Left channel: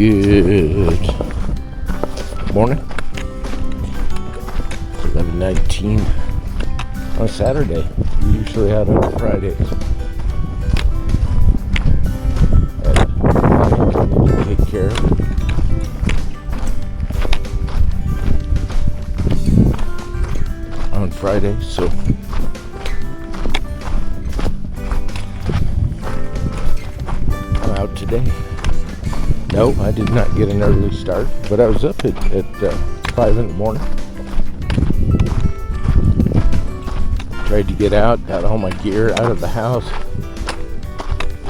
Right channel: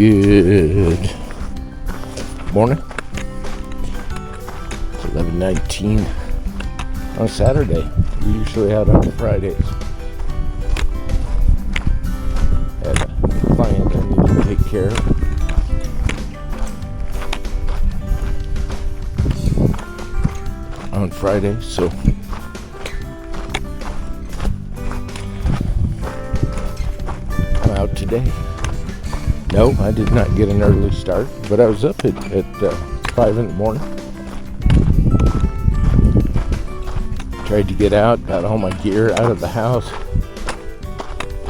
Good morning. 11:19 on Saturday. We're usually out on Fridays. Had a client I need to take care of. On Friday, so I'm out today. No, I did not get an early start, but I was up at 5 in the morning. Tried to get out, got all my gear out of the house,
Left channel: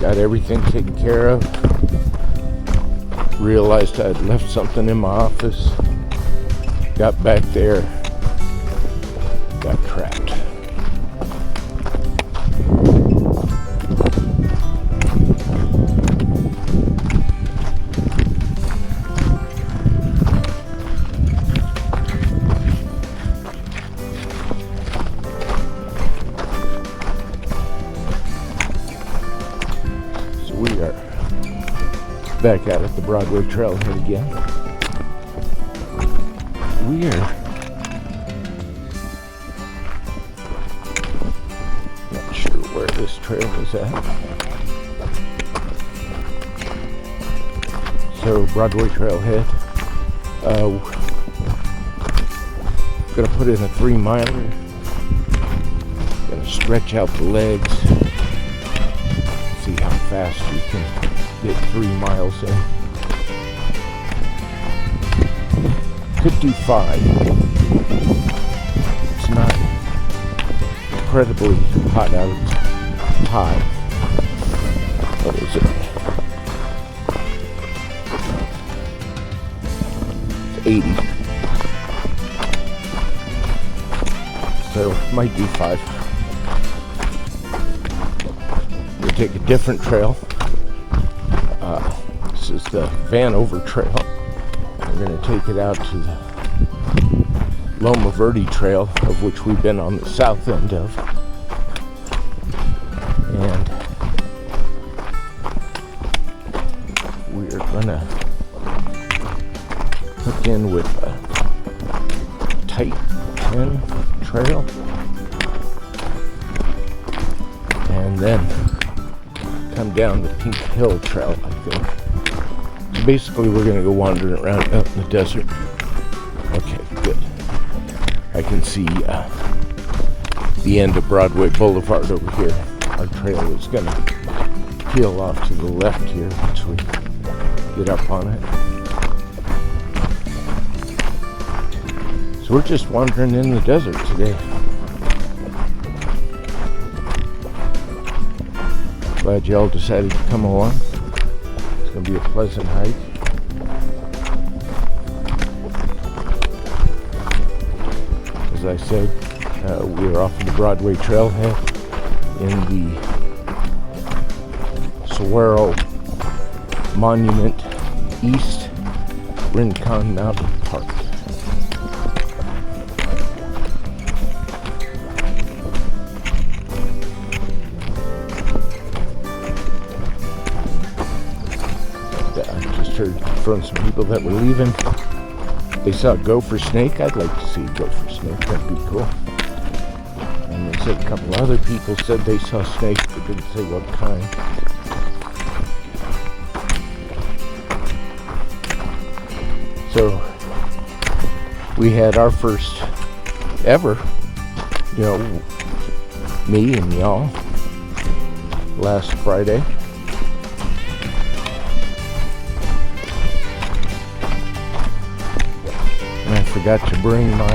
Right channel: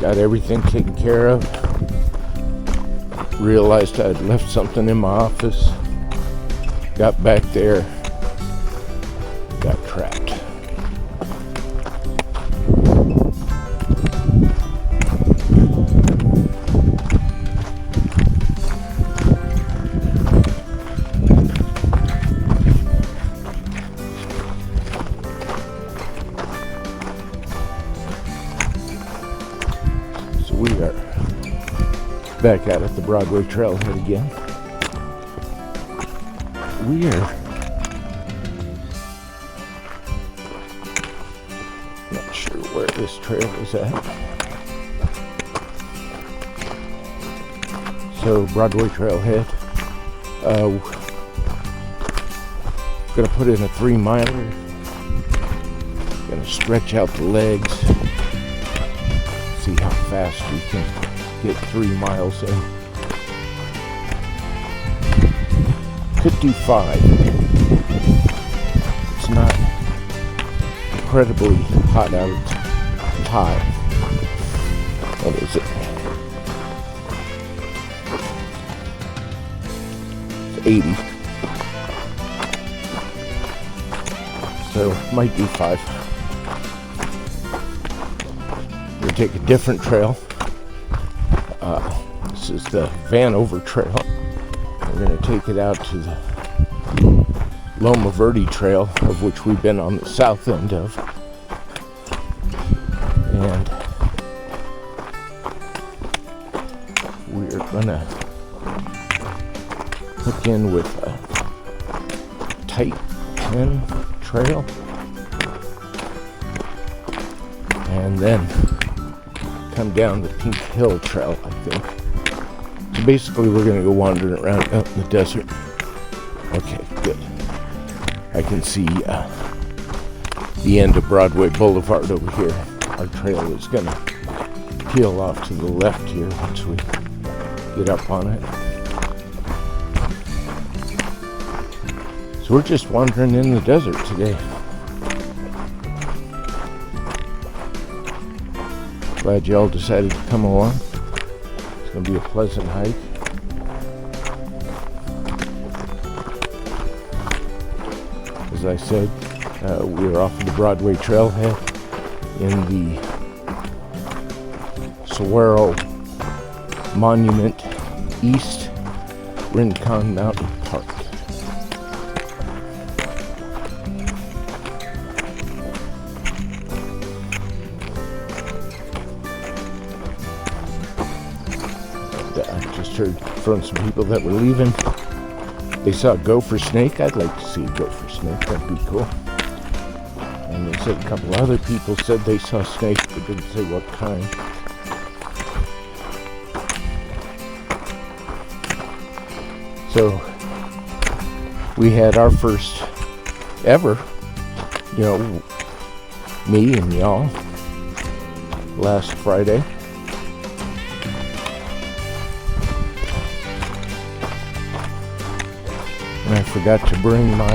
got everything taken care of. Realized I'd left something in my office. Got back there, got trapped. So we are back out at the Broadway trailhead again. We are not sure where this trail is at. So Broadway trailhead. Gonna put in a 3-miler. Gonna stretch out the legs. See how fast we can get 3 miles in. Could do 5. It's not incredibly hot out. Hot. What is it? 80. So might do 5. We'll take a different trail. This is the Vanover Trail. We're going to take it out to the Loma Verde Trail, of which we've been on the south end of. And we're going to hook in with a tight 10 trail. And then come down the Pink Hill Trail, I think. So basically we're going to go wandering around out in the desert. Okay, good. I can see the end of Broadway Boulevard over here. Our trail is going to peel off to the left here once we get up on it. So we're just wandering in the desert today. Glad y'all decided to come along. It's going to be a pleasant hike. As I said, we're off of the Broadway trailhead in the Saguaro Monument East Rincon Mountain Park. From some people that were leaving, they saw a gopher snake. I'd like to see a gopher snake, that'd be cool. And they said a couple other people said they saw snakes, but didn't say what kind. So we had our first ever, me and y'all, last Friday. And I forgot to bring my,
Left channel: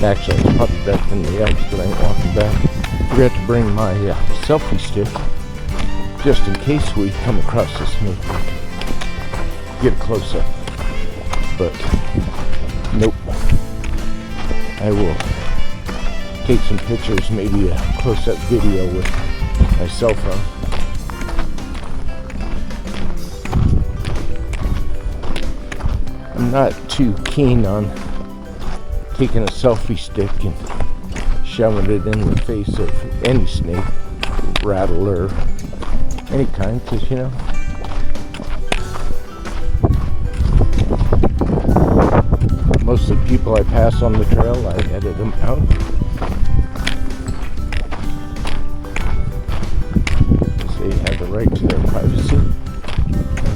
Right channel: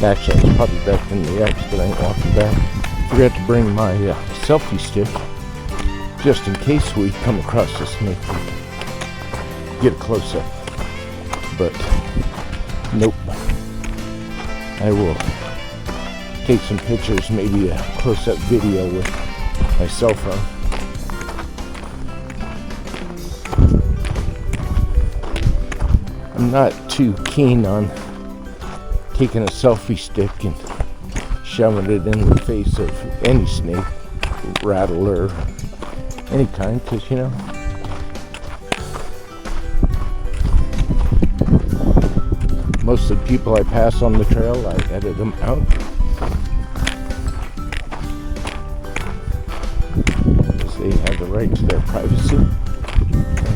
actually I was probably back in the edge, but I ain't walking back. Forgot to bring my selfie stick, just in case we come across a snake. Get a close-up. But, nope. I will take some pictures, maybe a close-up video with my cell phone. I'm not too keen on taking a selfie stick and shoving it in the face of any snake, rattler, any kind, because the people I pass on the trail, I edit them out. They have the right to their privacy.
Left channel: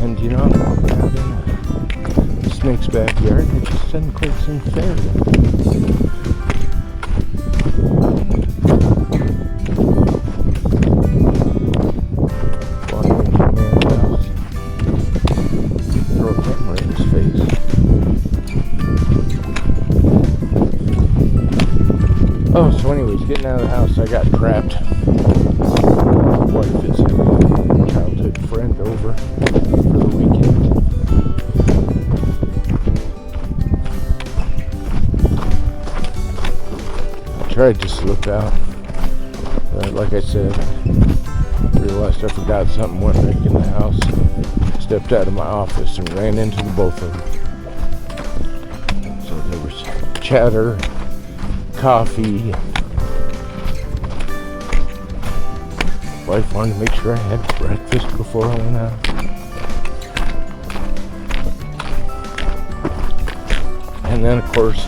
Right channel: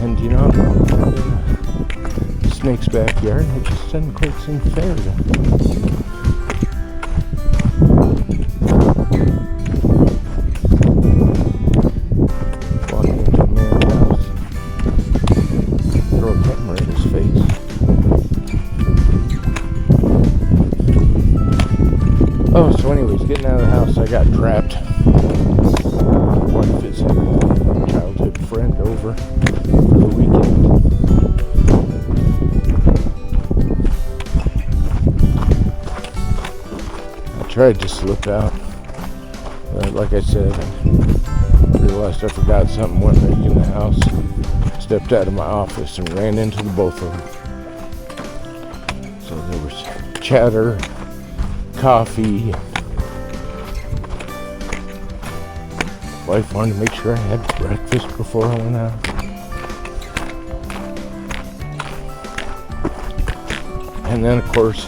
And you know, I'm walking out in a snake's backyard, it just doesn't quite seem fair to walk into a man's house, throw a camera in his face. Oh, so anyways, getting out of the house, I got trapped. Wife is having a childhood friend over for the weekend. I tried to slip out, but like I said, I realized I forgot something, went back in the house, stepped out of my office and ran into the both of them. So there was chatter, coffee. Wife wanted to make sure I had breakfast before I went out. And then, of course,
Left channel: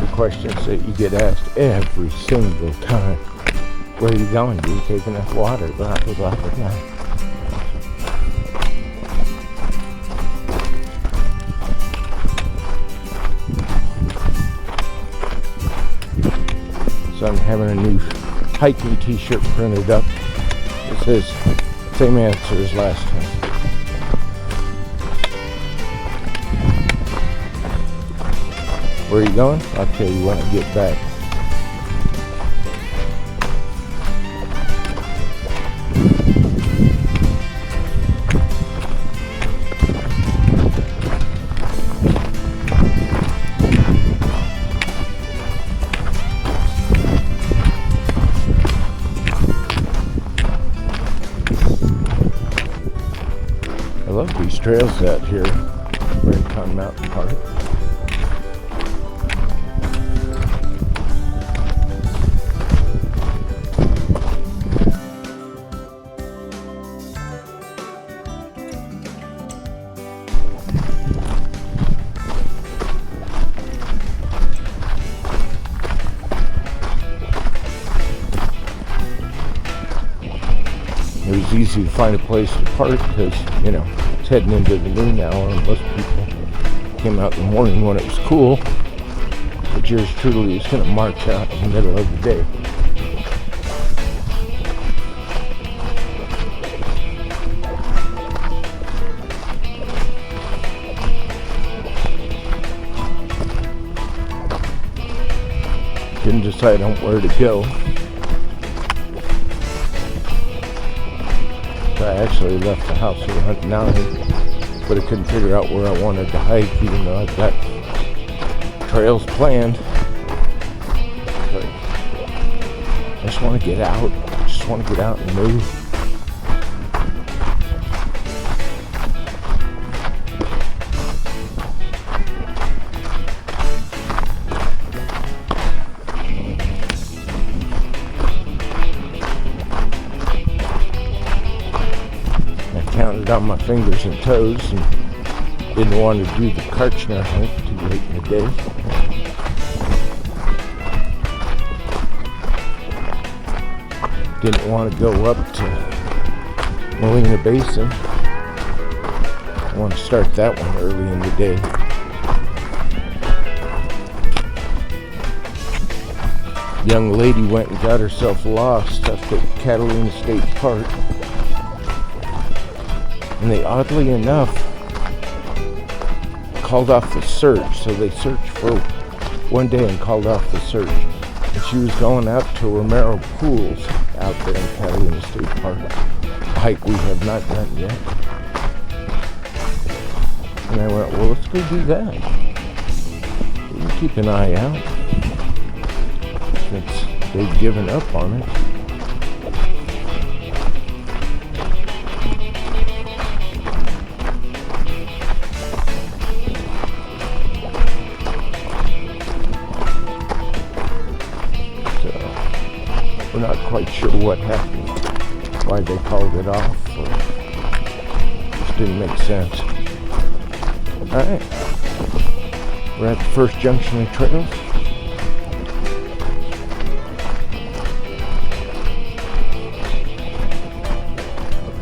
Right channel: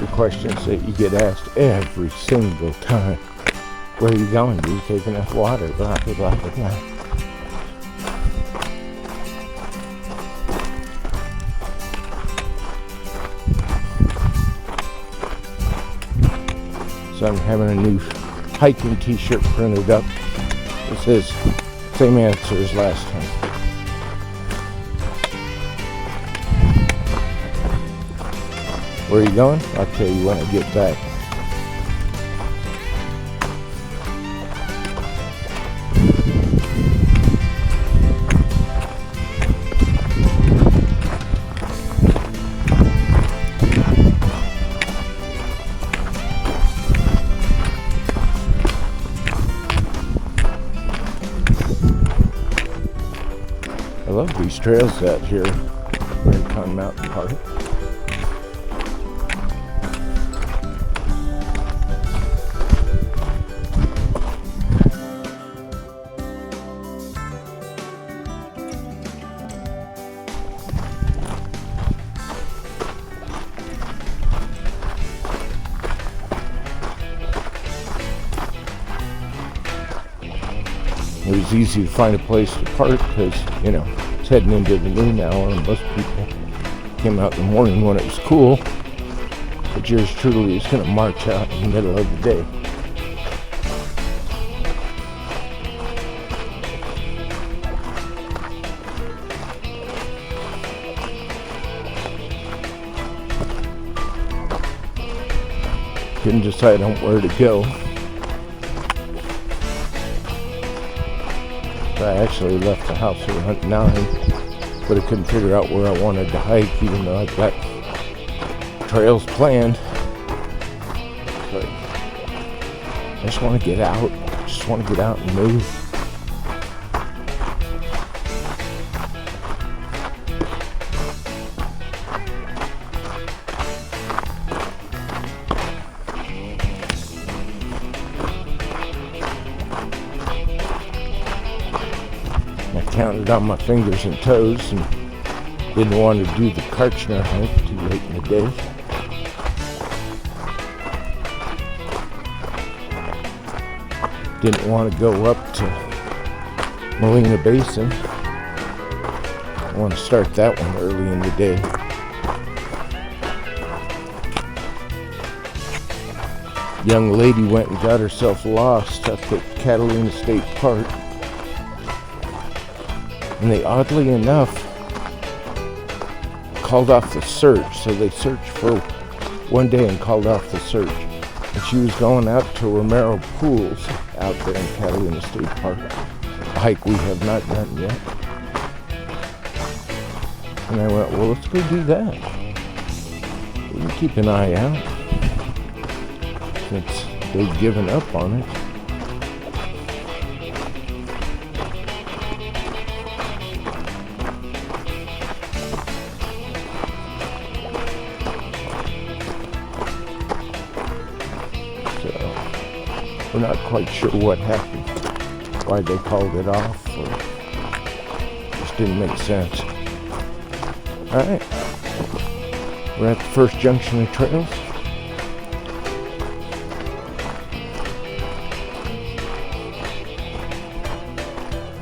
the questions that you get asked every single time. Where are you going? Do you take enough water? Blah, blah, blah, blah. So I'm having a new hiking t-shirt printed up. It says, same answer as last time. Where are you going? I'll tell you when I get back. I love these trails out here, Rincon Mountain Park. It was easy to find a place to park because, you know, it's heading into the noon hour and most people came out in the morning when it was cool. But yours truly is going to march out in the middle of the day. Couldn't decide on where to go. I actually left the house around 9, but I couldn't figure out where I wanted to hike, even though I've got trails planned. But I just want to get out. Just want to get out and move. Counted on my fingers and toes and didn't want to do the Karchner hike too late in the day. Didn't want to go up to Molina Basin. I want to start that one early in the day. Young lady went and got herself lost up at Catalina State Park. And they, oddly enough, called off the search. So they searched for one day and called off the search. And she was going out to Romero Pools out there in Catalina State Park. A hike we have not done yet. And I went, well, let's go do that. We can keep an eye out. Since they've given up on it. We're not quite sure what happened, why they called it off, or it just didn't make sense. Alright, We're at the first junction of trails.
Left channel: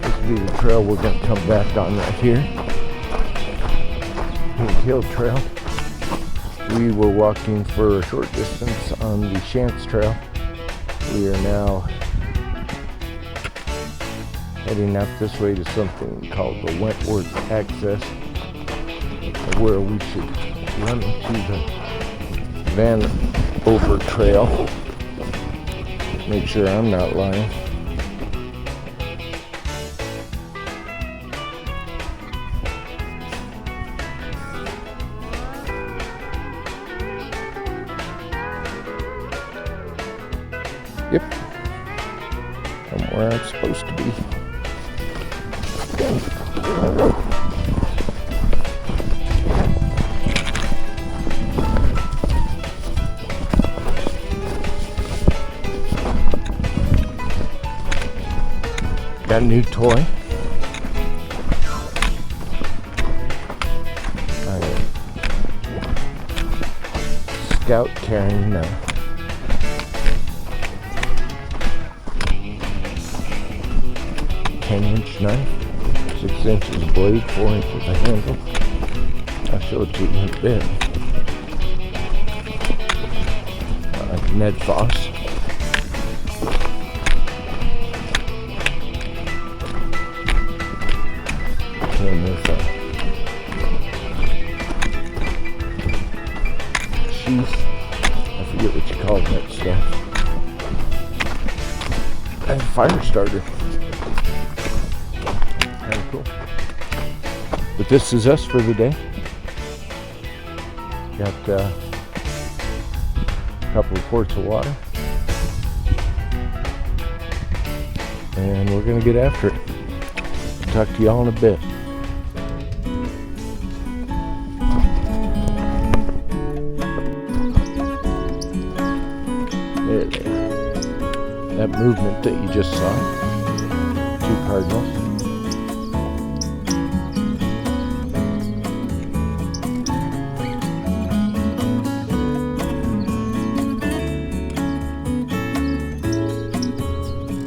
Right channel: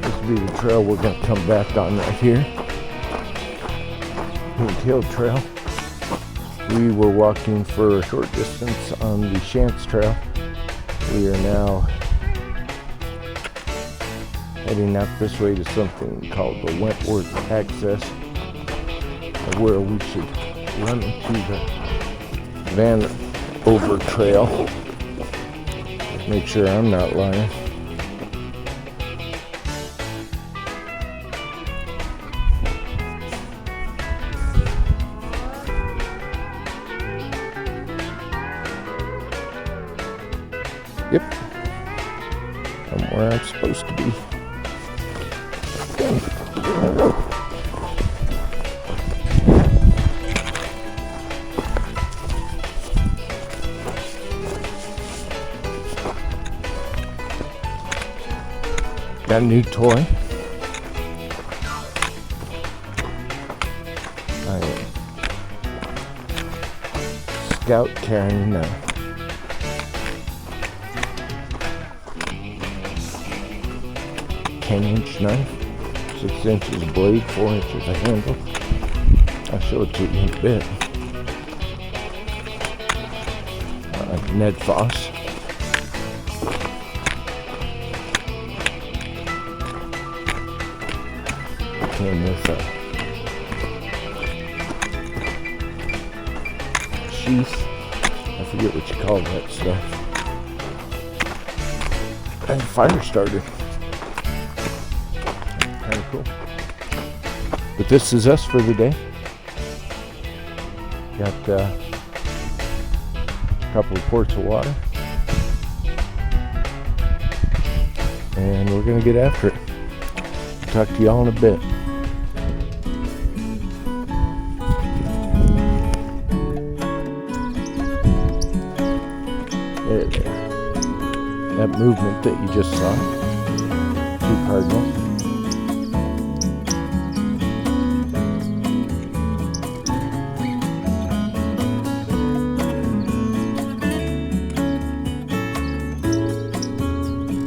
This will be the trail we're going to come back on right here. Pink Hill Trail. We were walking for a short distance on the Chance Trail. We are now heading out this way to something called the Wentworth Access, where we should run into the Van Over Trail. Just make sure I'm not lying. Yep, I'm where I'm supposed to be. Got a new toy. I am Scout carrying a 10-inch knife, 6 inches of blade, 4 inches of handle. I'll show it to you in a bit. Ned Foss. Came with a sheath. I forget what you call that stuff. And a fire starter. Kind of cool. But this is us for the day. Got a couple of quarts of water. And we're going to get after it. Talk to y'all in a bit. There they are. That movement that you just saw. 2 cardinals.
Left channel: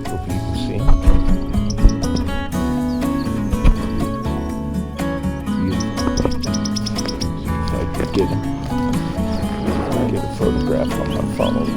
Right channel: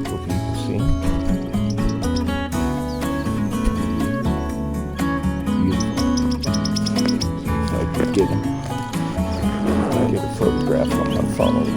Hope you can see them. If I could get him. Get a photograph on my phone.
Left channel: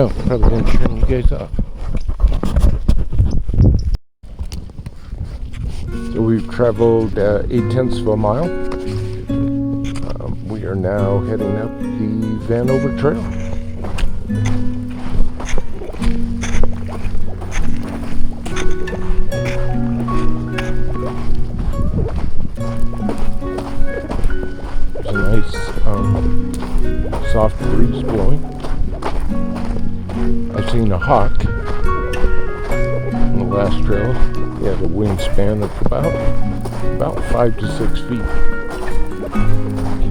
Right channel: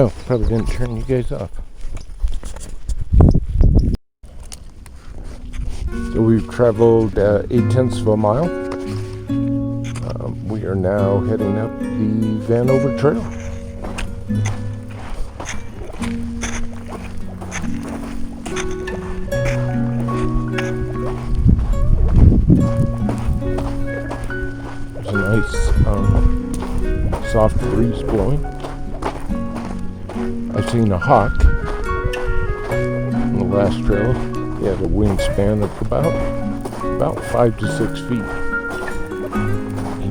Oh, probably didn't turn you guys off. So we've traveled 8/10 of a mile. We are now heading up the Vanover Trail. There's a nice soft breeze blowing. I've seen a hawk on the last trail. He had a wingspan of about 5 to 6 feet. He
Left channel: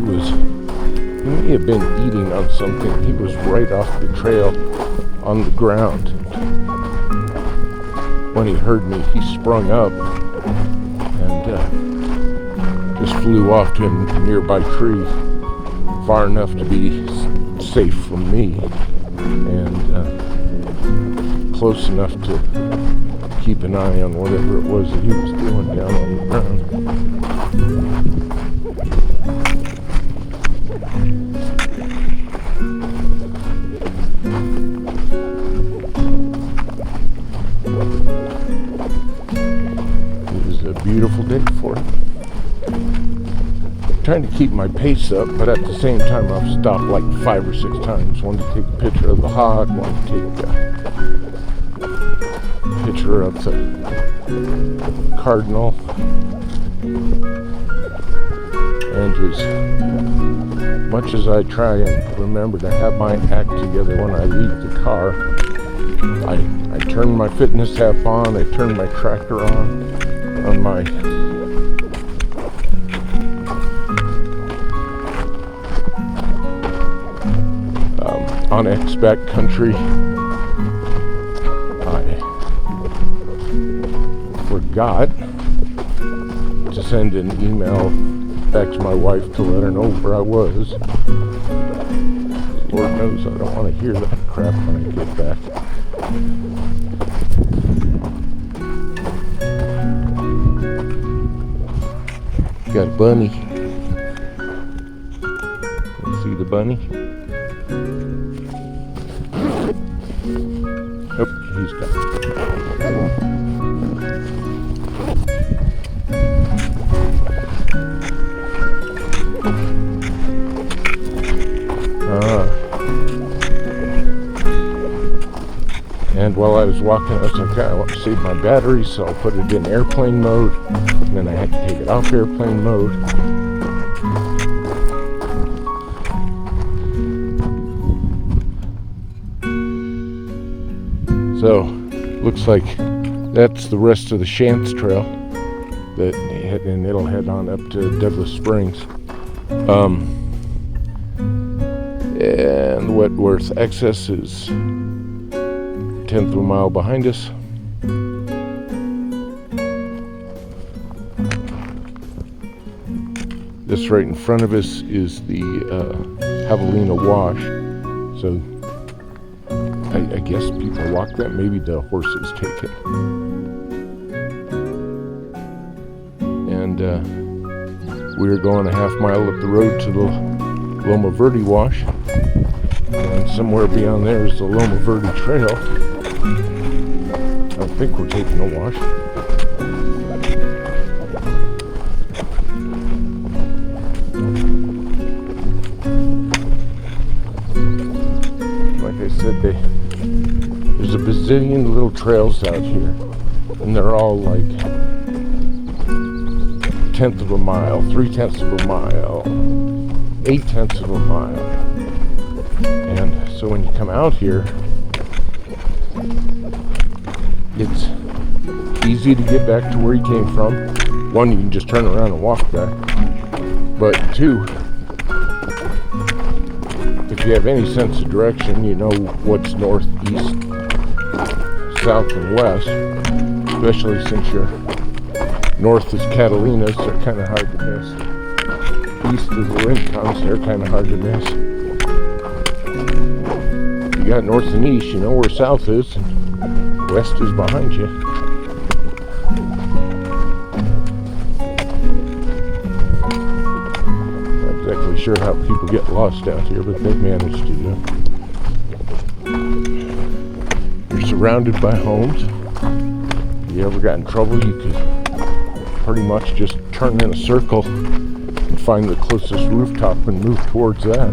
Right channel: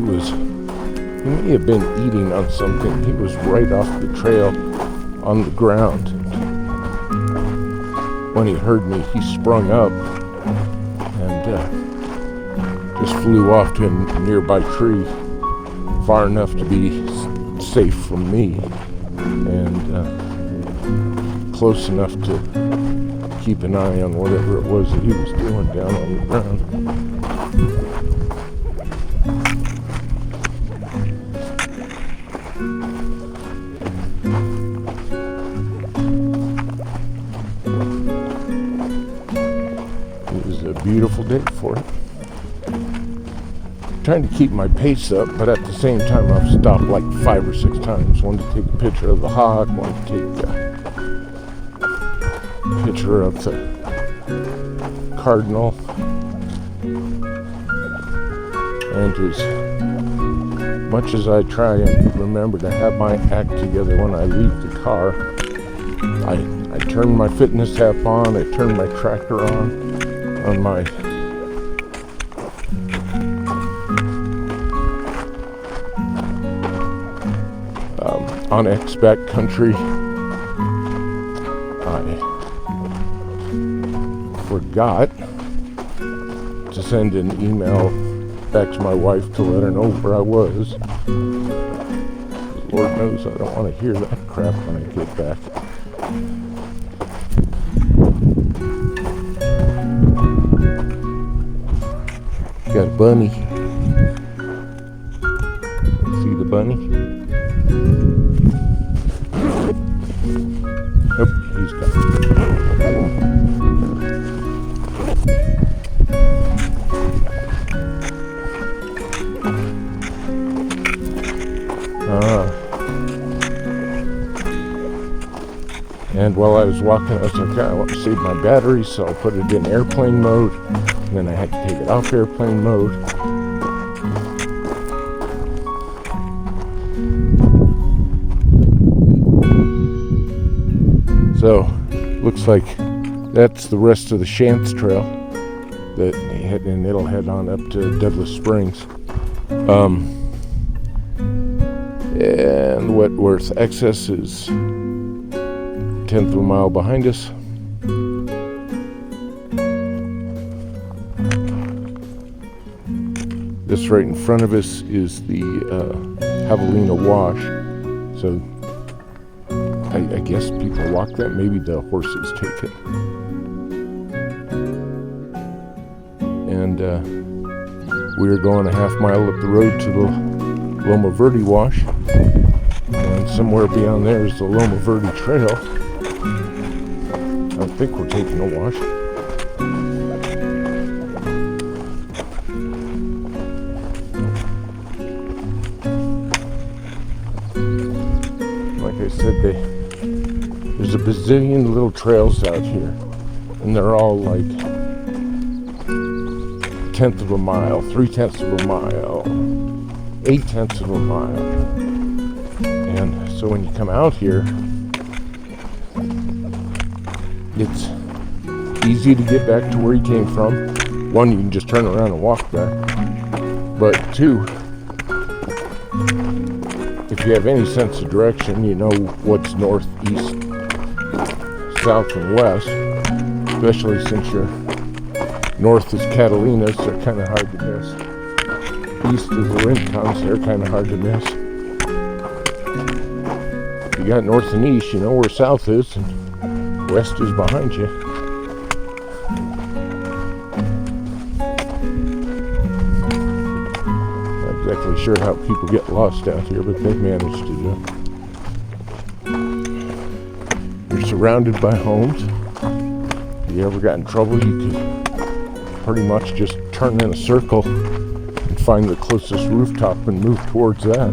may have been eating on something. He was right off the trail on the ground. When he heard me, he sprung up and just flew off to a nearby tree, far enough to be safe from me, and close enough to keep an eye on whatever it was that he was doing down on the ground. It was a beautiful day for it. Trying to keep my pace up, but at the same time I've stopped like 5 or 6 times. Wanted to take a picture of the hawk, wanted to take a picture of the cardinal, and as much as I try and remember to have my act together when I leave the car, I turn my fitness app on, I turn my tracker on my on X Backcountry. I forgot to send an email back to my wife to let her know where I was. Lord knows I don't want to hear that crap when I get back. Got a bunny. See the bunny? Oh, he's gone. And while I was walking, I was like, I want to save my battery, so I'll put it in airplane mode. And then I had to take it off airplane mode. So, looks like that's the rest of the Shantz Trail, and it'll head on up to Douglas Springs. And Wentworth Excess is 1/10 of a mile behind us. This right in front of us is the Javelina Wash. So I guess people walk that. Maybe the horses take it. And we're going a half mile up the road to the Loma Verde Wash. And somewhere beyond there is the Loma Verde Trail. I think we're taking a wash. Like I said, there's a bazillion little trails out here, and they're all like 1/10 of a mile, 3/10 of a mile, 8/10 of a mile. And so when you come out here, it's easy to get back to where you came from. One, you can just turn around and walk back. But two, if you have any sense of direction, you know what's north, east, south, and west. Especially since you're north is Catalina's, they're kind of hard to miss. East is the Rincons, they're kind of hard to miss. You got north and east, you know where south is, and west is behind you. Not exactly sure how people get lost out here, but they've managed to do it. surrounded by homes. If you ever got in trouble, you could pretty much just turn in a circle and find the closest rooftop and move towards that.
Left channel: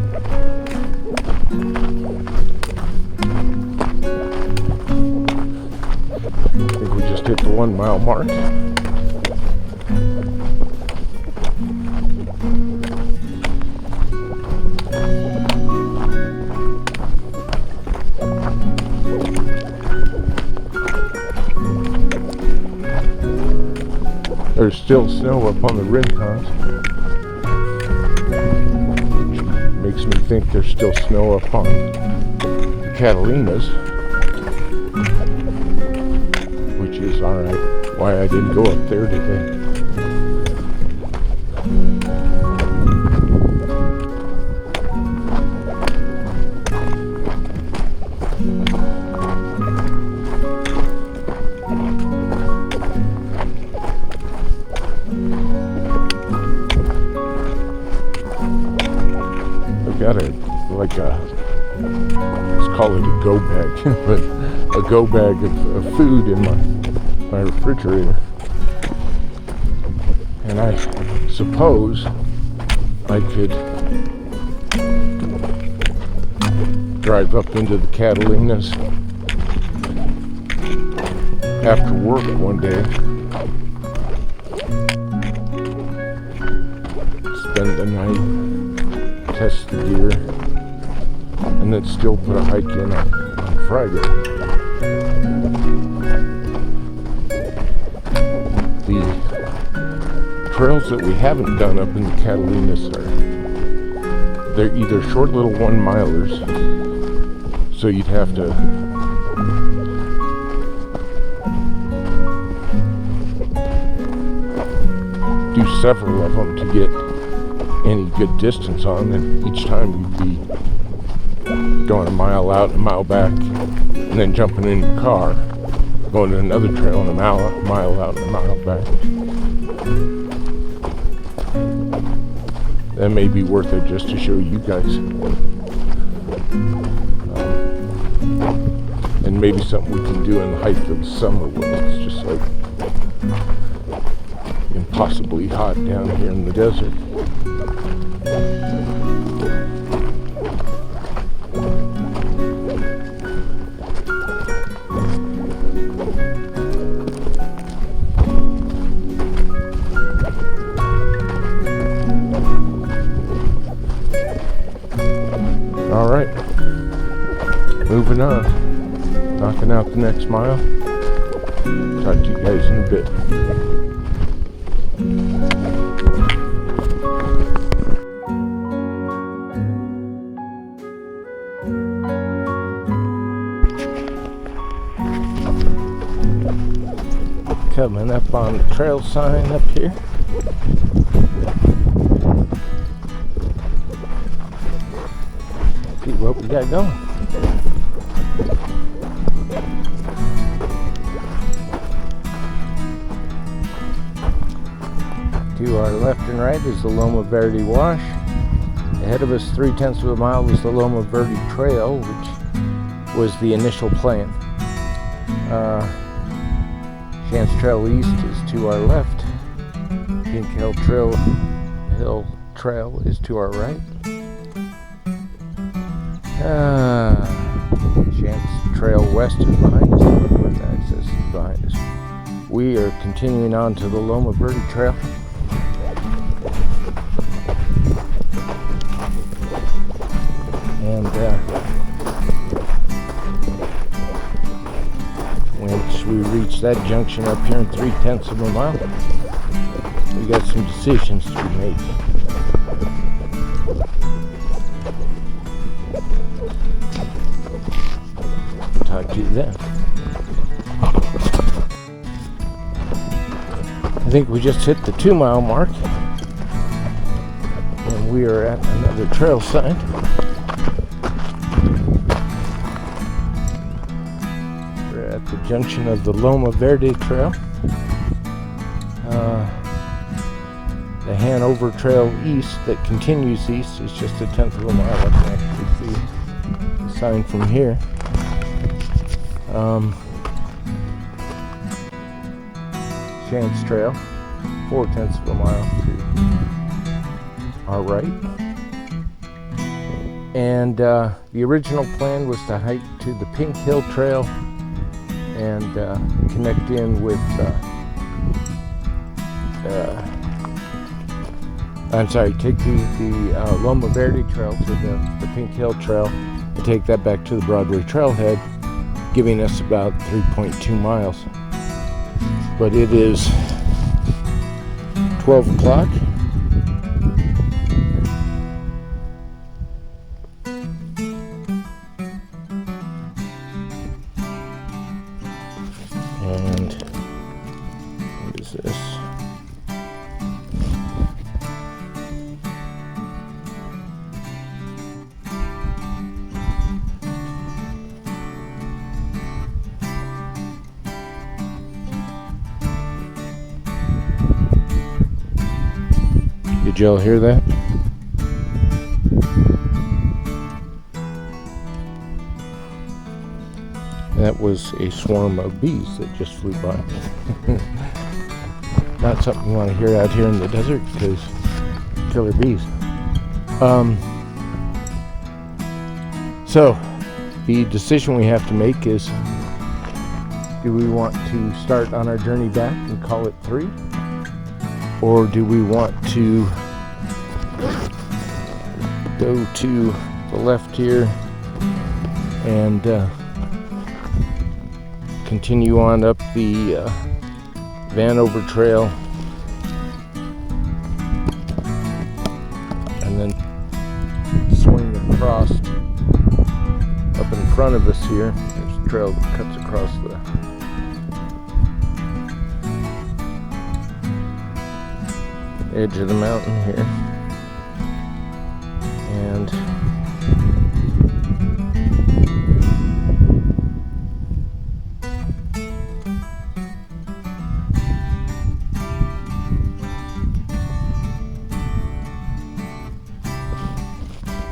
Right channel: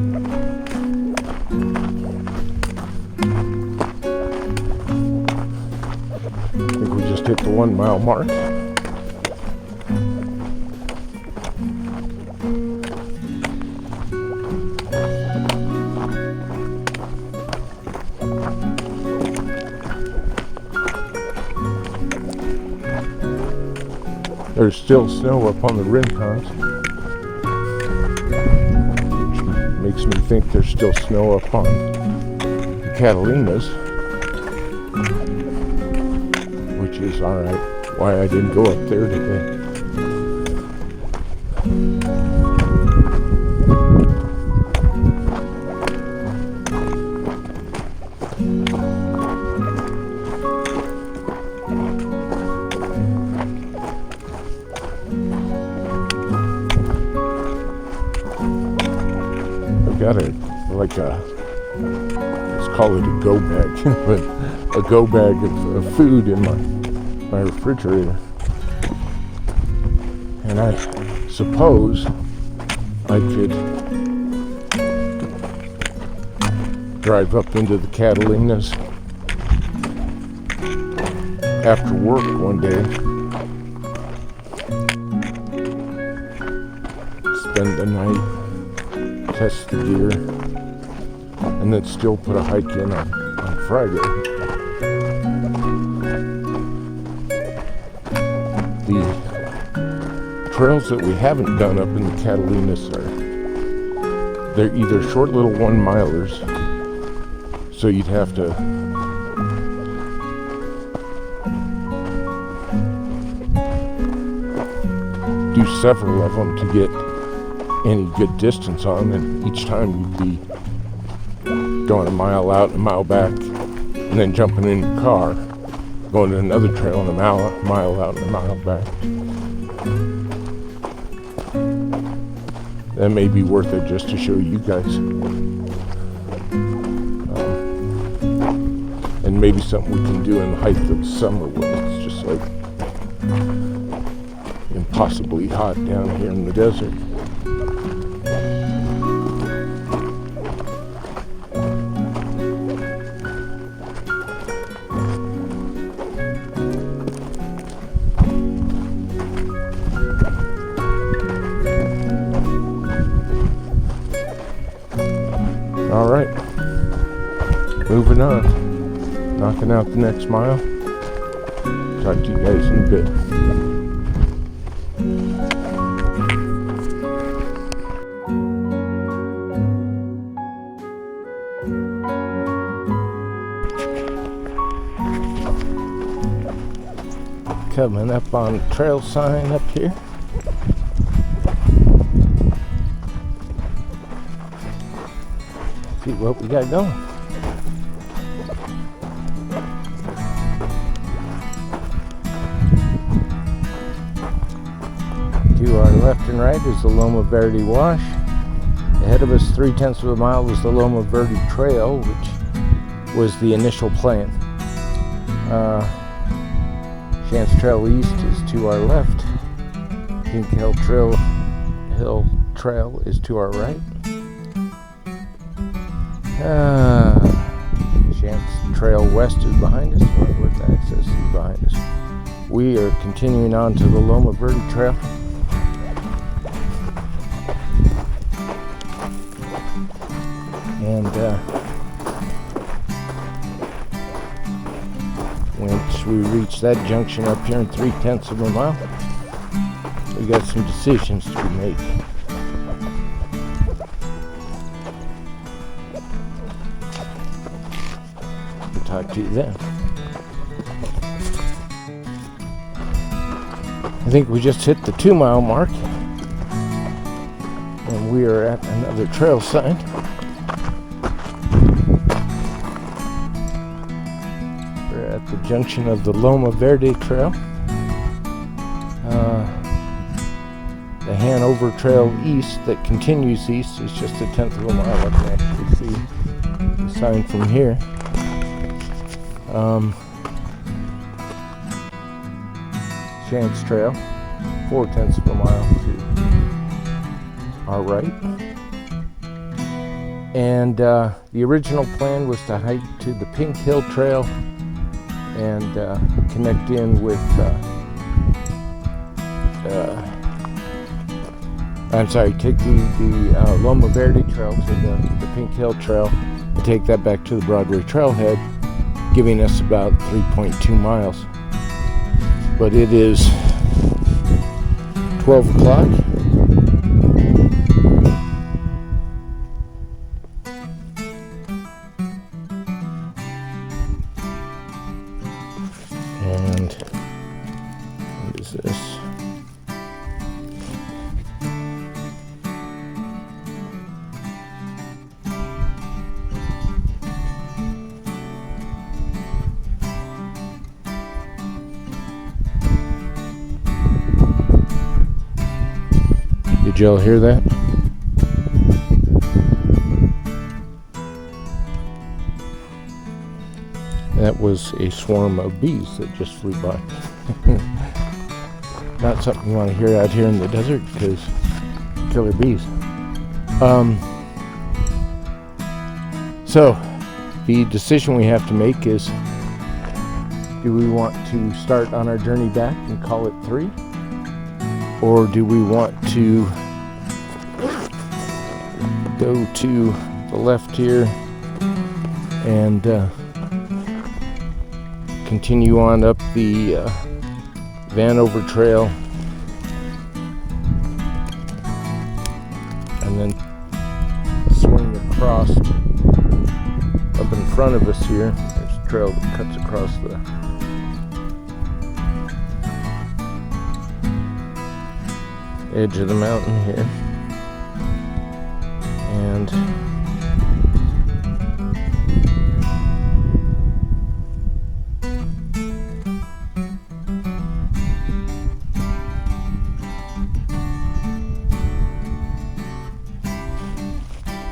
I think we just hit the 1 mile mark. There's still snow up on the Rincons, which makes me think there's still snow up on the Catalinas, which is alright, why I didn't go up there today. Got let's call it a go bag, but a go bag of food in my refrigerator. And I suppose I could drive up into the Catalinas after work one day, spend the night, test the deer, and then still put a hike in on Friday. The trails that we haven't done up in the Catalinas they're either short little 1 milers, so you'd have to do several of them to get any good distance on, and each time you'd be going a mile out, a mile back, and then jumping in your car, going to another trail and a mile out and a mile back. That may be worth it just to show you guys. And maybe something we can do in the height of the summer when it's just like impossibly hot down here in the desert. All right, moving on, knocking out the next mile. Talk to you guys in a bit. Coming up on the trail sign up here. See what we got going. To our left and right is the Loma Verde Wash. Ahead of us 3/10 of a mile was the Loma Verde Trail, which was the initial plan. Chance Trail East is to our left. Pink Hill Trail is to our right. Chance Trail West is behind us. Northwest access is behind us. We are continuing on to the Loma Verde Trail. And once we reach that junction up here in 3/10 of a mile, we got some decisions to be made. Talk to you then. I think we just hit the 2 mile mark, and we are at another trail sign. We're at the junction of the Loma Verde Trail. The Hanover Trail East that continues east is just a 1/10 of a mile. I can actually see the sign from here. Chance Trail, 0.4 of a mile to our right. And the original plan was to hike to the Pink Hill Trail and connect in with take the Loma Verde Trail to the Pink Hill Trail and take that back to the Broadway Trailhead, giving us about 3.2 miles. But it is 12 o'clock. And what is this? Did y'all hear that? That was a swarm of bees that just flew by. Not something you want to hear out here in the desert because killer bees. So the decision we have to make is, do we want to start on our journey back and call it 3? Or do we want to go to the left here and continue on up the Vanover Trail and then swing across up in front of us here? There's a trail that cuts across the edge of the mountain here, and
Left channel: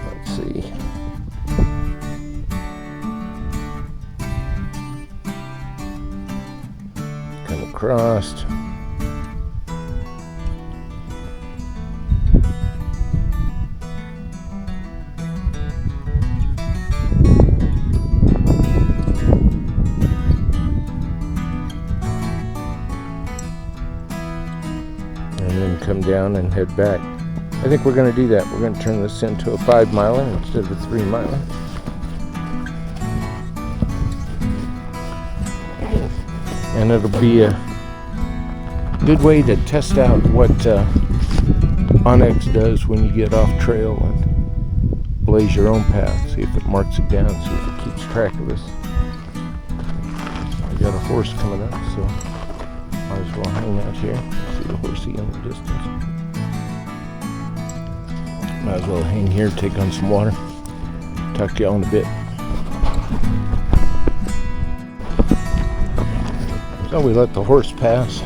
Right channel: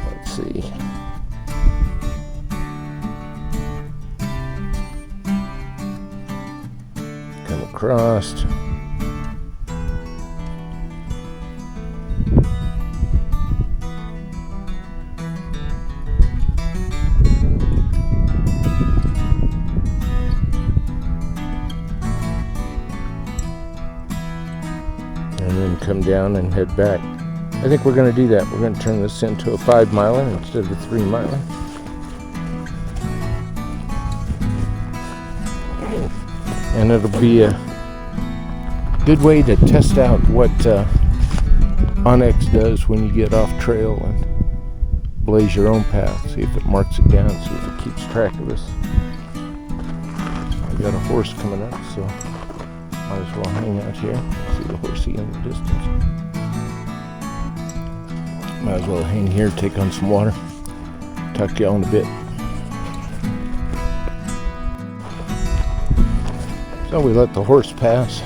let's see. Come across. And then come down and head back. I think we're going to do that. We're going to turn this into a 5-miler instead of a 3-miler. And it'll be a good way to test out what Onyx does when you get off trail and blaze your own path. See if it marks it down, see if it keeps track of us. We got a horse coming up, so might as well hang out here. See the horsey in the distance. Might as well hang here, take on some water. Talk to y'all in a bit. So we let the horse pass.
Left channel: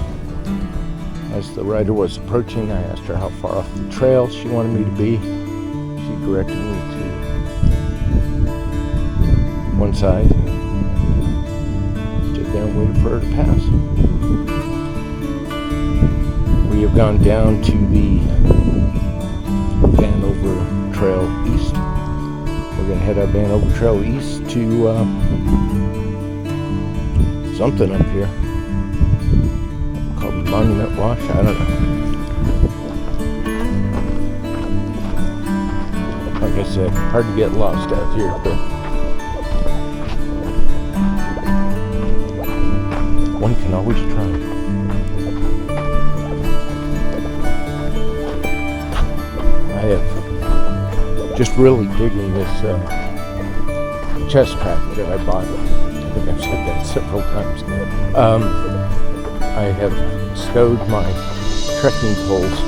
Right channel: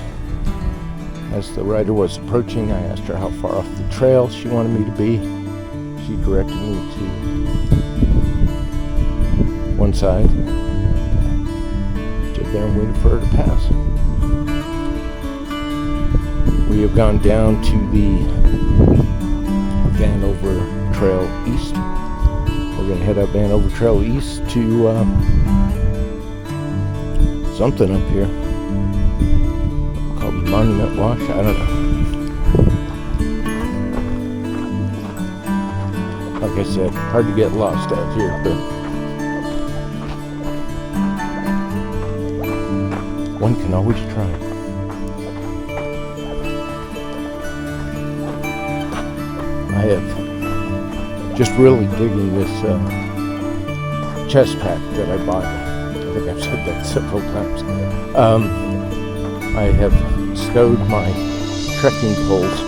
As the rider was approaching, I asked her how far off the trail she wanted me to be. She directed me to one side. Stood there and waited for her to pass. We have gone down to the Vanover Trail East. We're going to head up Vanover Trail East to something up here called Monument Wash. I don't know. Like I said, hard to get lost out here, but one can always try. I have just really digging this chest pack that I bought. I think I've said that several times. I have stowed my trekking poles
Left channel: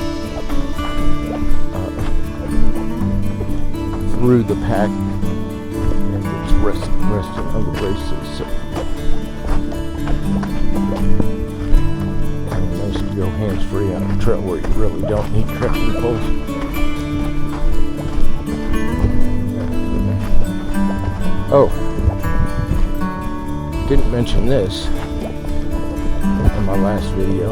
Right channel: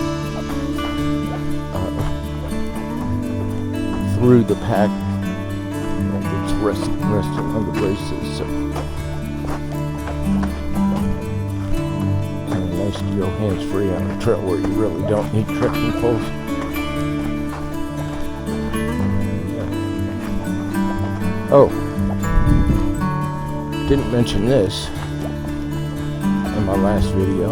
through the pack, and it's resting on the braces. So kind of nice to go hands-free on a trail where you really don't need trekking poles. Oh, didn't mention this in my last video,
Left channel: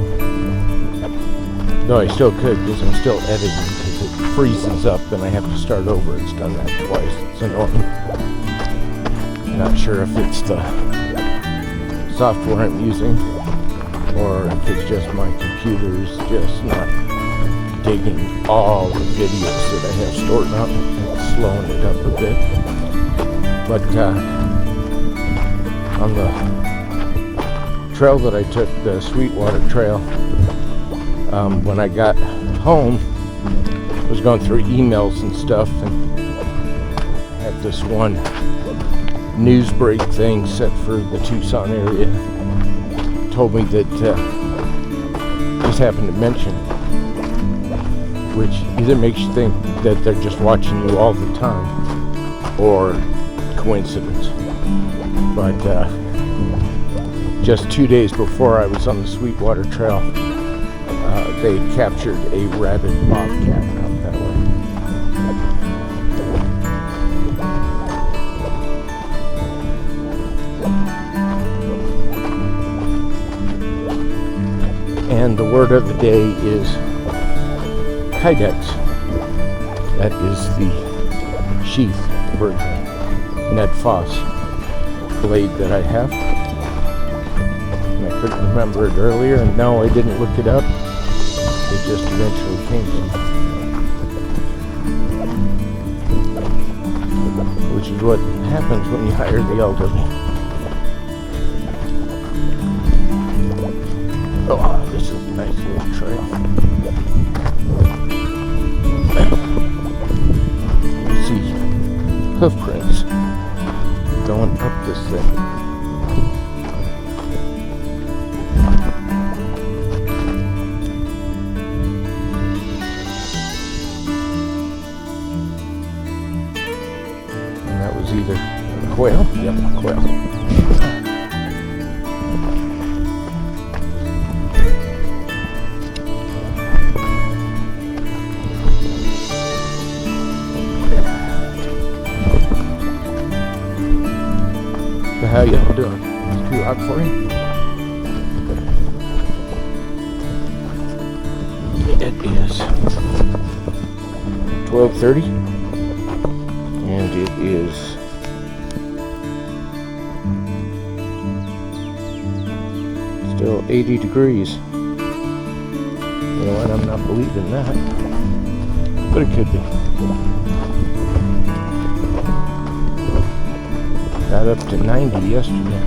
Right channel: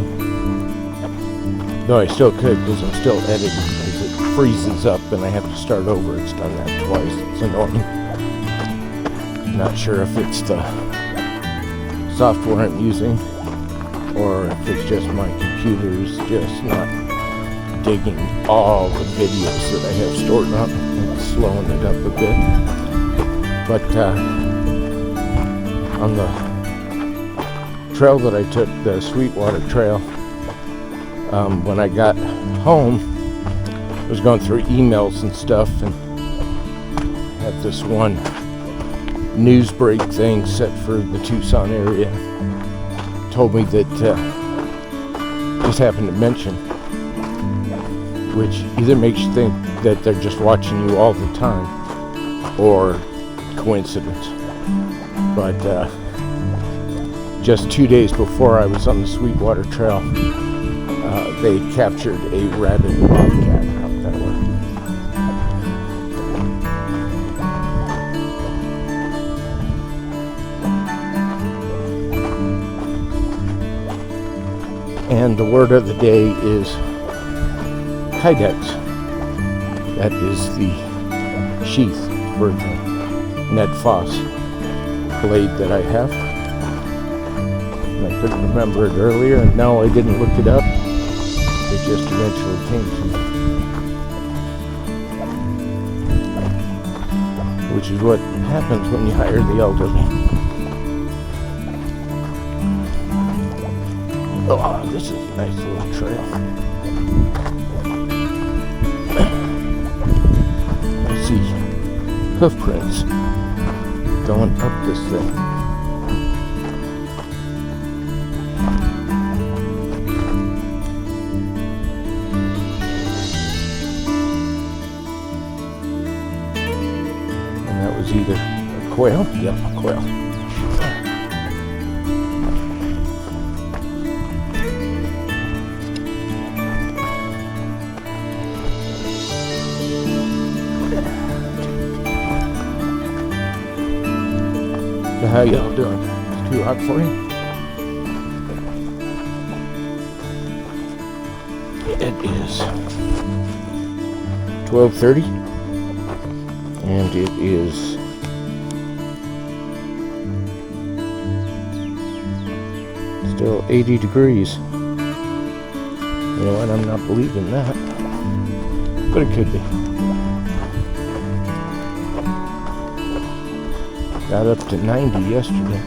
though I still could because I'm still editing because it freezes up and I have to start over. It's done that twice. It's annoying. Not sure if it's the software I'm using or if it's just my computer's just not digging all the videos that I have stored up and slowing it up a bit. But on the trail that I took, the Sweetwater Trail, when I got home, I was going through emails and stuff and had this one news break thing set for the Tucson area. Told me that just happened to mention, which either makes you think that they're just watching you all the time or coincidence. But just 2 days before I was on the Sweetwater Trail, they captured a rabid bobcat out that way. And the word of the day is kydex. That is the sheath version Ned Foss blade that I have. And I couldn't remember it earlier, and no, I didn't look it up. It just eventually came to me. Which is what happens when you hire the elderly. Oh, this is a nice little trail. I see hoof prints going up this thing. And that was either a quail. Yep, a quail. So how y'all doing? It's too hot for you? It is 12:30 and it is still 80 degrees. You know what? I'm not believing that, but it could be. Got up to 90 yesterday.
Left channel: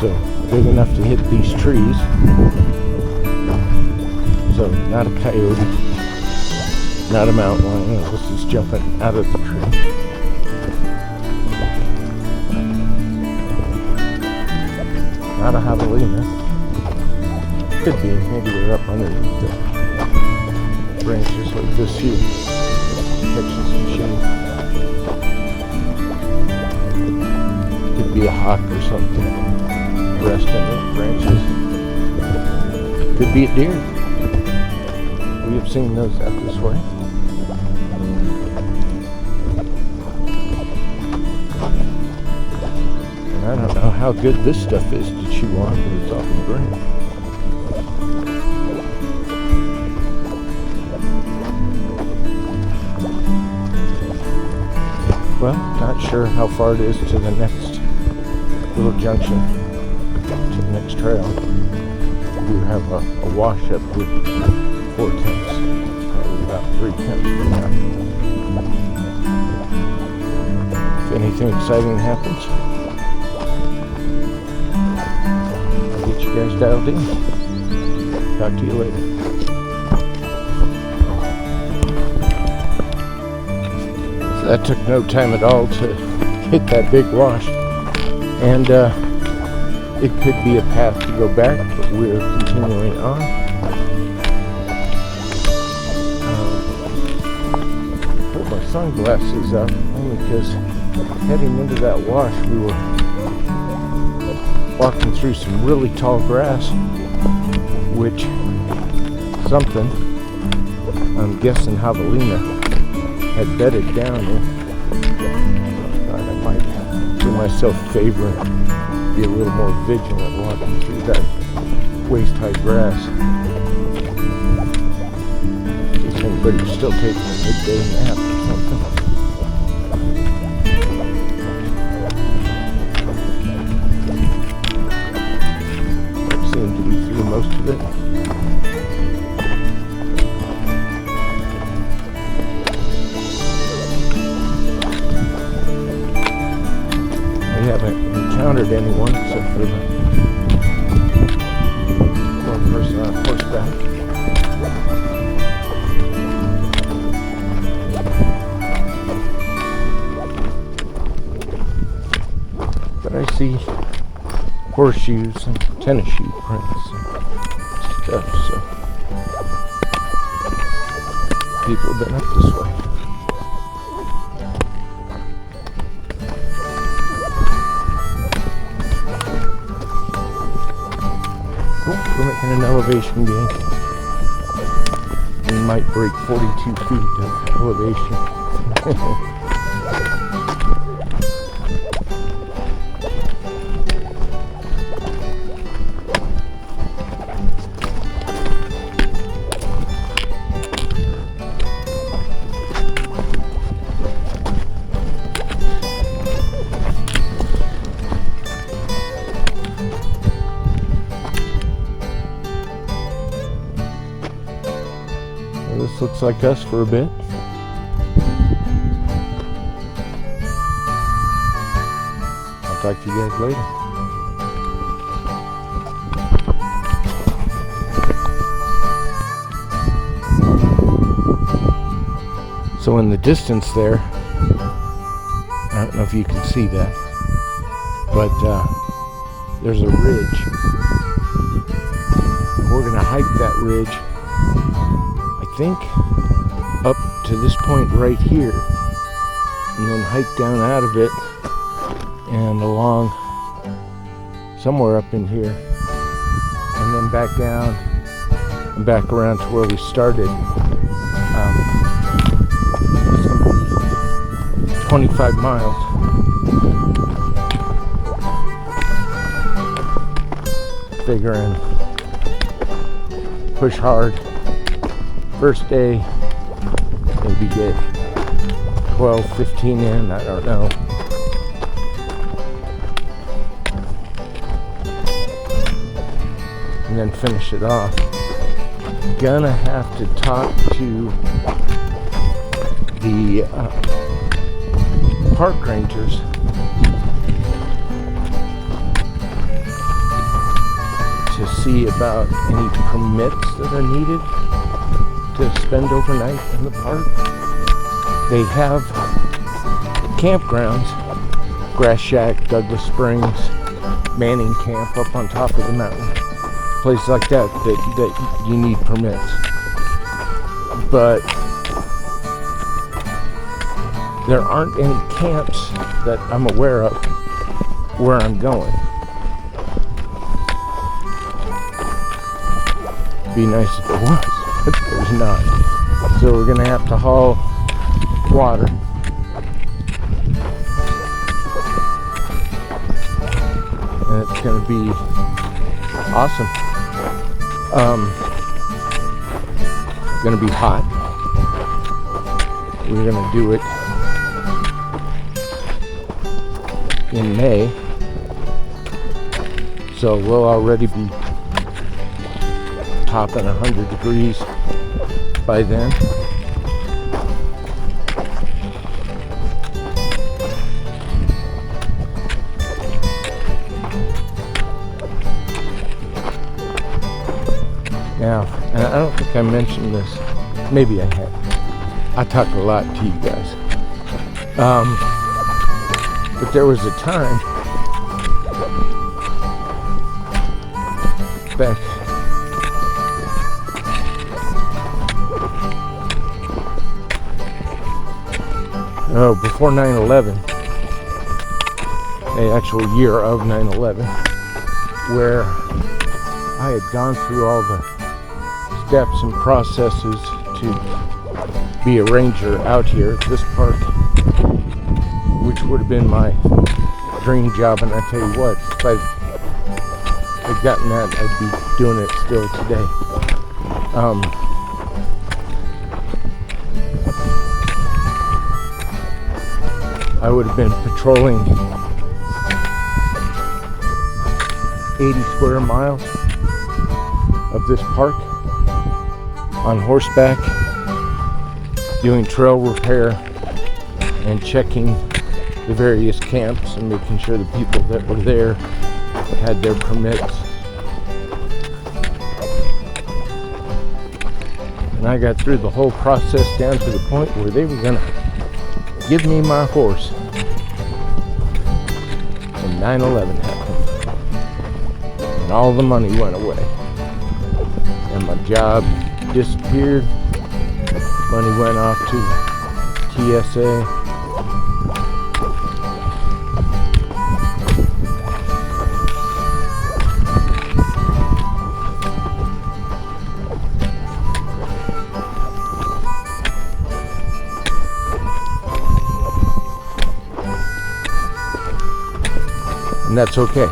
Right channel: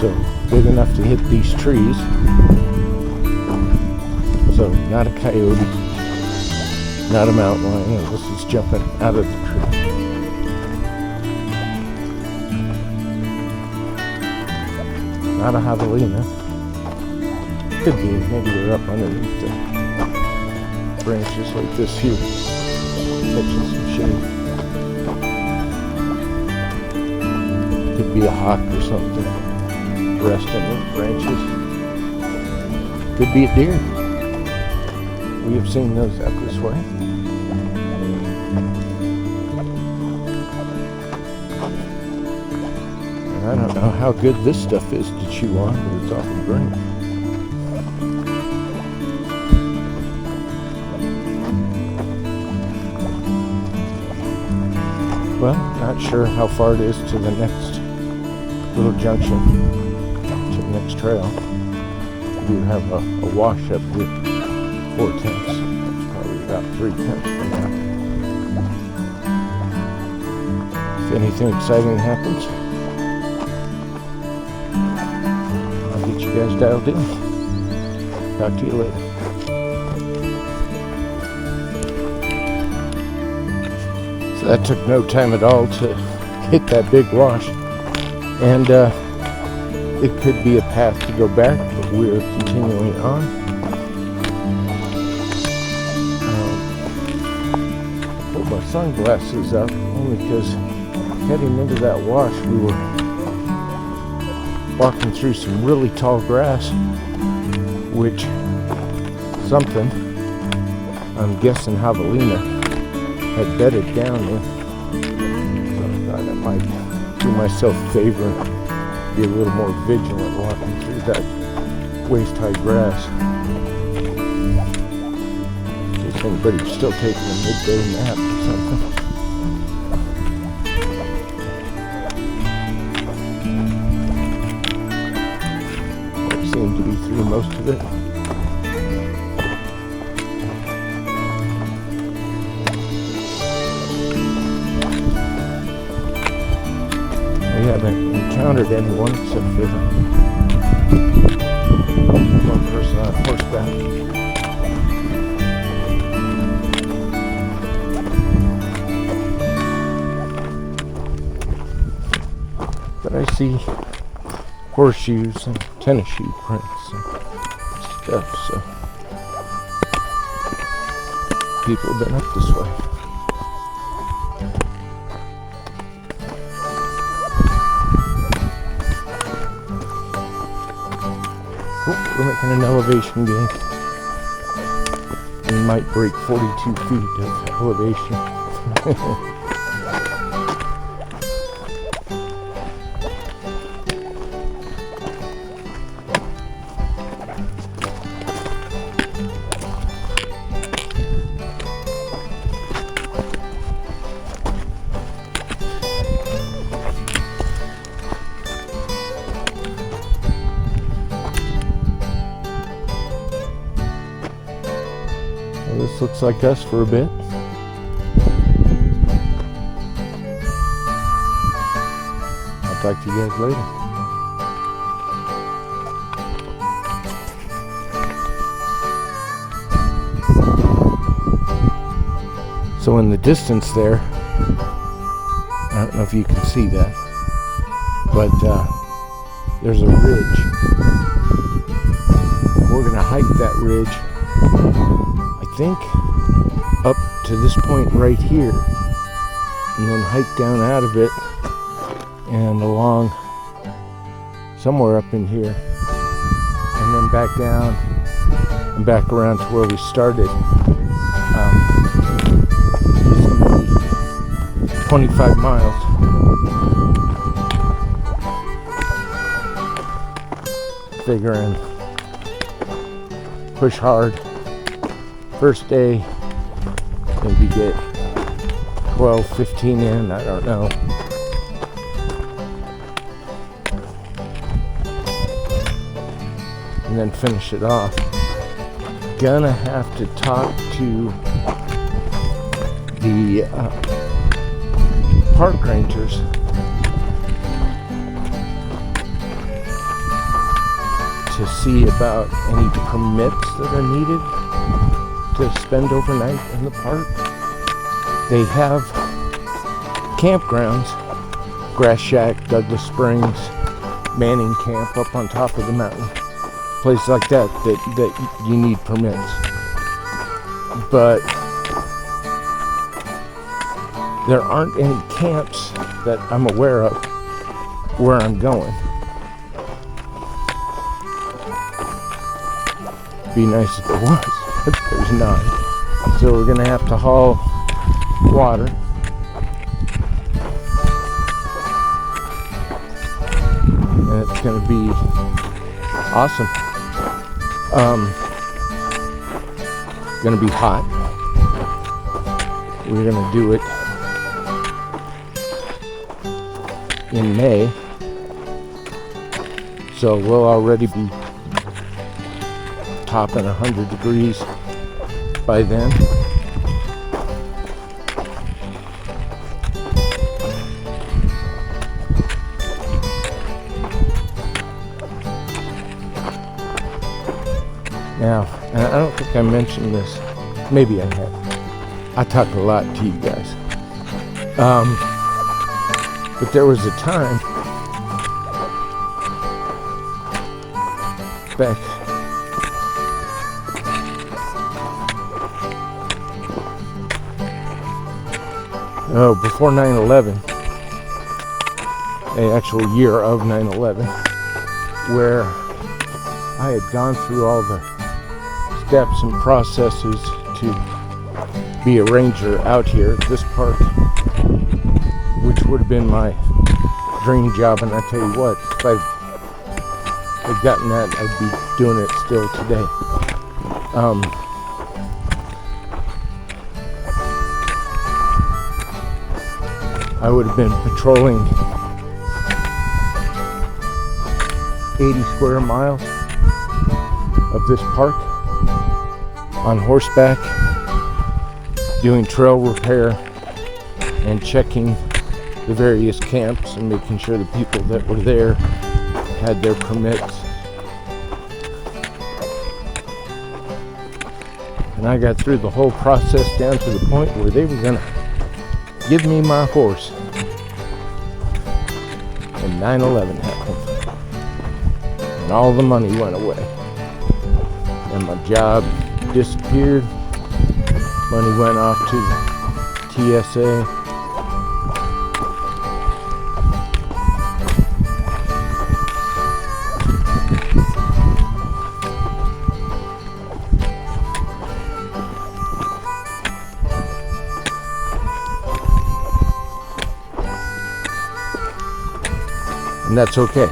So big enough to hit these trees. So not a coyote, not a mountain lion. This is jumping out of the tree. Not a javelina. Could be. Maybe they're up underneath the branches like this here, catching some shade. Could be a hawk or something. Resting in the branches. Could be a deer. We have seen those out this way. And I don't know how good this stuff is to chew on, but it's awful great. Well, not sure how far it is to the next little junction to the next trail. We have a wash up with 4 tents. Probably about 3 tents from now. If anything exciting happens, I'll get you guys dialed in. Talk to you later. So that took no time at all to hit that big wash. And it could be a path to go back, but we're continuing on. Pulled my sunglasses up only because heading into that wash we were walking through some really tall grass, which something, I'm guessing javelina, had bedded down in. So I thought I might do myself a favor and be a little more vigilant walking through that waist-high grass. In case anybody's still taking a midday nap or something. Seem to be through most of it. We haven't encountered anyone except for the one person on horseback. But I see horseshoes and tennis shoe prints and stuff, so people have been up this way. Oh, we're making an elevation gain. We might break 42 feet of elevation. This looks like us for a bit. I'll talk to you guys later. So in the distance there, I don't know if you can see that, but there's a ridge. We're going to hike that ridge, I think, up to this point right here, and then hike down out of it and along somewhere up in here, and then back down and back around to where we started. It's going to be 25 miles. Figuring push hard. First day, maybe get 12, 15 in, I don't know. And then finish it off. Gonna have to talk to the park rangers to see about any permits that are needed to spend overnight in the park. They have campgrounds, Grass Shack, Douglas Springs, Manning Camp up on top of the mountain, places like that you need permits. But there aren't any camps that I'm aware of where I'm going. Be nice if there was, but there's not. So we're gonna have to haul water. And it's gonna be awesome. Gonna be hot. We're gonna do it in May, So we'll already be topping 100 degrees by then. Now, and I don't think I mentioned this. Maybe I have. I talk a lot to you guys. But there was a time back before 9/11, the actual year of 9/11, where I had gone through all the steps and processes to be a ranger out here at this park, which would have been my dream job. And I tell you what, if I had gotten that, I'd be doing it still today. I would have been patrolling 80 square miles of this park on horseback, doing trail repair and checking the various camps and making sure the people that were there had their permits. And I got through the whole process down to the point where they were gonna give me my horse. And 9/11 happened. And all the money went away. And my job disappeared. Money went off to TSA. And that's okay,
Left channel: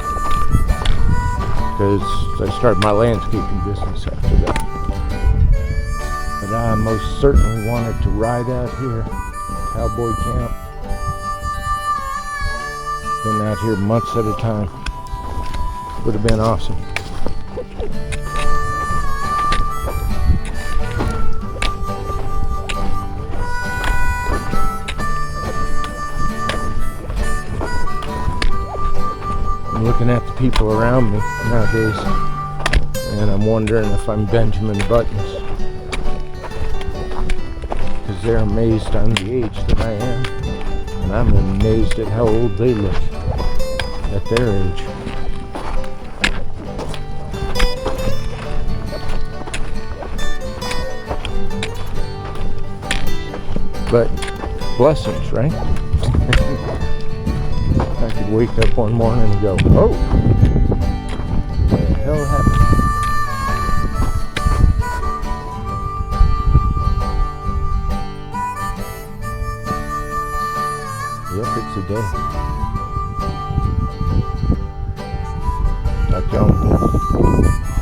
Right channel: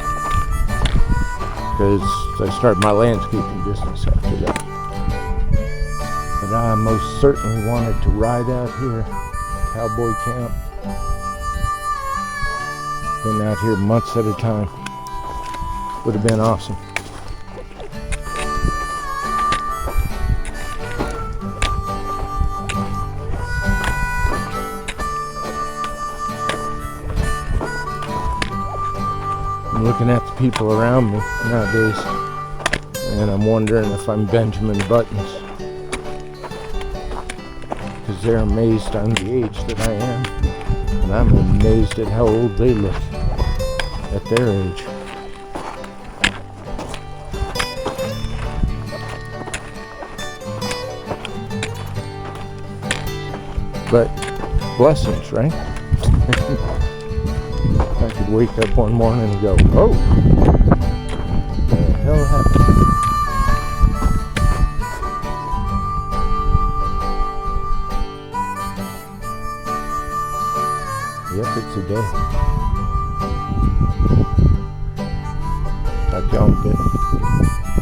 because I started my landscaping business after that. But I most certainly wanted to ride out here, cowboy camp. Been out here months at a time. Would have been awesome. I'm looking at the people around me nowadays, and I'm wondering if I'm Benjamin Buttons, because they're amazed I'm the age that I am, and I'm amazed at how old they look at their age. But blessings, right? I could wake up one morning and go, oh, what the hell happened? Yep, it's a day. Talk to y'all in a bit.